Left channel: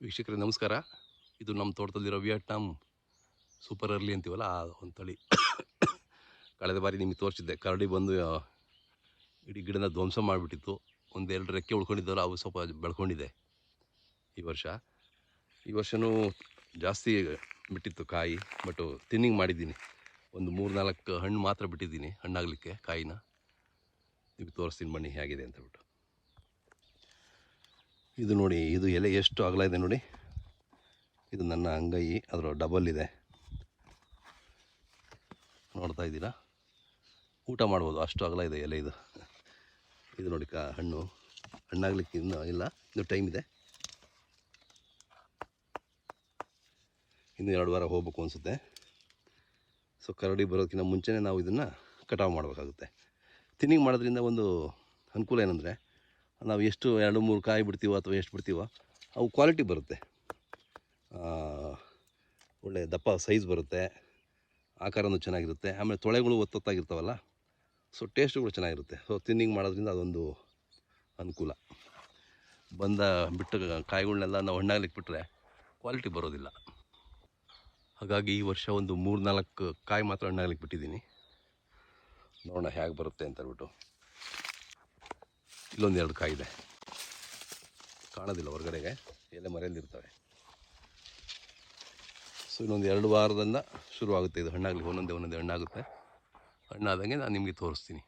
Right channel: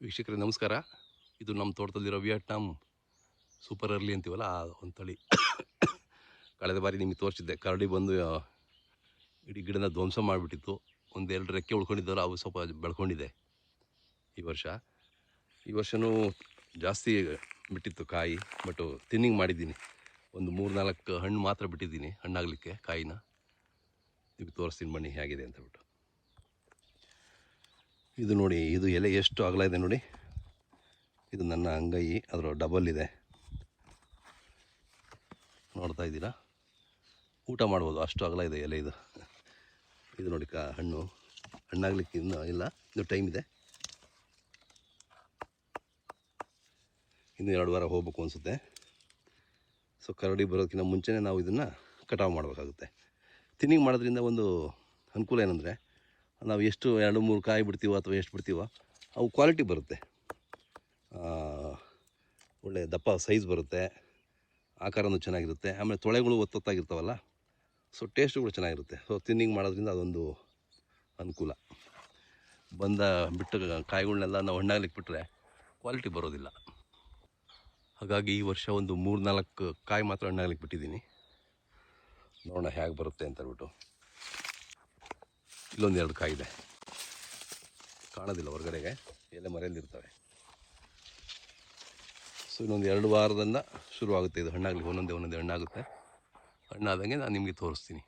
ವೀಕ್ಷಕರೇ ನಮಸ್ಕಾರ. ಇದು ನಮ್ಮ ತೋಟದಲ್ಲಿರೋ ವಿಯಟ್ನಾಂ ಸೂಪರ್ ಅರ್ಲಿ ಅಂತೀವಲ್ಲ ಆ ಒಂದು ತಳಿ. ಕಳೆದ ಬಾರಿ ನಿಮಗೆ ತೋರಿಸಿದ್ದೆ, ಕರಡಿ ಬಂದು ಇಡೀ ಗಿಡನ ಧ್ವಂಸ ಮಾಡಿಬಿಟ್ಟಿತ್ತು. ಒಂದೆರಡು ರೆಕ್ಕೆ ಉಳ್ಕೊಂಡಿದ್ದಲ್ಲ, ಅವು ಸ್ವಲ್ಪ ಬೆಳ್ಕೊಂಡಿದೆ. ಈ ವರ್ಷವೂ ಜಾಸ್ತಿ ಬಿಟ್ಟಿತ್ತು ಕಾಯಿ, ಬಟ್ ತಿನ್ನಿಂಗ್ ಮಾಡಿದ್ದೀನಿ. ಒಂದು 3-4 ಹಣ್ಣು ಮಾತ್ರ ಬಿಟ್ಟಿದ್ದೀನಿ ಹಣ್ಣಾಗಲಿಕ್ಕೆ ಕಾಯಿನ. ನಿಮಗೆ ತೋರಿಸ್ತೀನಿ ಬನ್ನಿ ಹೇಗಿದೆ ಅಂತ ಬಿಟ್ಟು. ಇದು ನೋಡಿ, ಇದು ಎಲೆ ಎಷ್ಟು ಅಗಲ ಇದೆ ನೋಡಿ. ಇದು ನನ್ನ ಅಂಗೈ, ಅದರ ಡಬಲ್ ಇದೆ, ನೋಡ್ತಾ ಇದ್ದೀರಾ? ಊಟ ಮಾಡ್ಬೋದು, ಅಷ್ಟು ಅಗಲ ಇದೆ ಎಲೆ ಇದು. ಇದು ನೋಡಿ ಹಣ್ಣಾಗಲಿಕ್ಕೆ ಇನ್ನೂ ಇಲ್ಲ, ಇದು ಟೈಮ್ ಇದೆ. ಇನ್ನು 2 ವಾರ ಹೋಗ್ಬೇಕು ಅನಿಸುತ್ತೆ. ಸೊ ಕರಡಿ ಬರೋದಕ್ಕಿಂತ ಮುಂಚೆನೇ ನಾವು ಇದನ್ನು ಕಟಾವು ಮಾಡಬೇಕಾಗುತ್ತೆ. ತಿನ್ನಿಂಗ್ ಮಾಡೋದ್ರಿಂದ ಒಂದು ಅನುಕೂಲ ಏನಂದರೆ, ನಾವು ಎಷ್ಟು 2-3 ಕಾಯಿ ಬಿಡ್ತೀವೋ ಅಥವಾ ಎಷ್ಟು ಬಿಡ್ತೀವೋ ಅವು ಕ್ವಾಲಿಟಿ ಬರುತ್ತೆ, ಒಳ್ಳೆ ದಪ್ಪ ಸೈಜ್ ಬರುತ್ತೆ, ಆಕಾರನೂ ಚೆನ್ನಾಗಿರುತ್ತೆ. ಆಮೇಲೆ ತೊಳೆಗಳು ಒತ್ತೊತ್ತಾಗಿರ್ತಾವಲ್ಲ, ಸೊ ಟೇಸ್ಟುಗಳು ಚೆನ್ನಾಗಿರುತ್ತೆ. ಸೊ ತಿನ್ನಿಂಗ್ ಮಾಡೋದ್ರಿಂದ ಅದೊಂದು ಅನುಕೂಲ. ಬಿಟ್ಟ ಕಾಯಿಗಳನ್ನೆಲ್ಲ ನಾವು ಹಣ್ಣಾಗ್ಲಿಕ್ಕೆ ಬಿಟ್ಟರೆ ಕ್ವಾಲಿಟಿ ಬರೋದಿಲ್ಲ. ಹಾಗಾಗಿ ಈ ವರ್ಷ ಒಂದು 3-4 ಕಾಯಿ ಮಾತ್ರ ಹಣ್ಣಾಗ್ಲಿಕ್ಕೆ ಬಿಟ್ಟಿದ್ದೀನಿ. ನೋಡೋಣ ಹೇಗೆ ಬರುತ್ತೆ ಅಂತ ಹೇಳ್ಬಿಟ್ಟು. ಇಲ್ಲೊಂದು 2 ಕಾಯಿ ಇದೆ, ಕಾಣೋದಿಲ್ಲ ಹೊರಗಡೆಗೆ, ಎಲೆ ಮರೆಯಲ್ಲಿರ್ತವೆ. ಸೊ ಇನ್ನೊಂದು 2 ವಾರದಿಂದ ಶುರುವಾಗುತ್ತೆ ಇದು ಹಣ್ಣಾಗಲಿ. ಒಂದೊಂದೇ ಹಣ್ಣಾಗುತ್ತೆ. ಹಣ್ಣಾದಂಗೆ ನಾನು ನಿಮಗೆ ತೋರಿಸ್ತೀನಿ.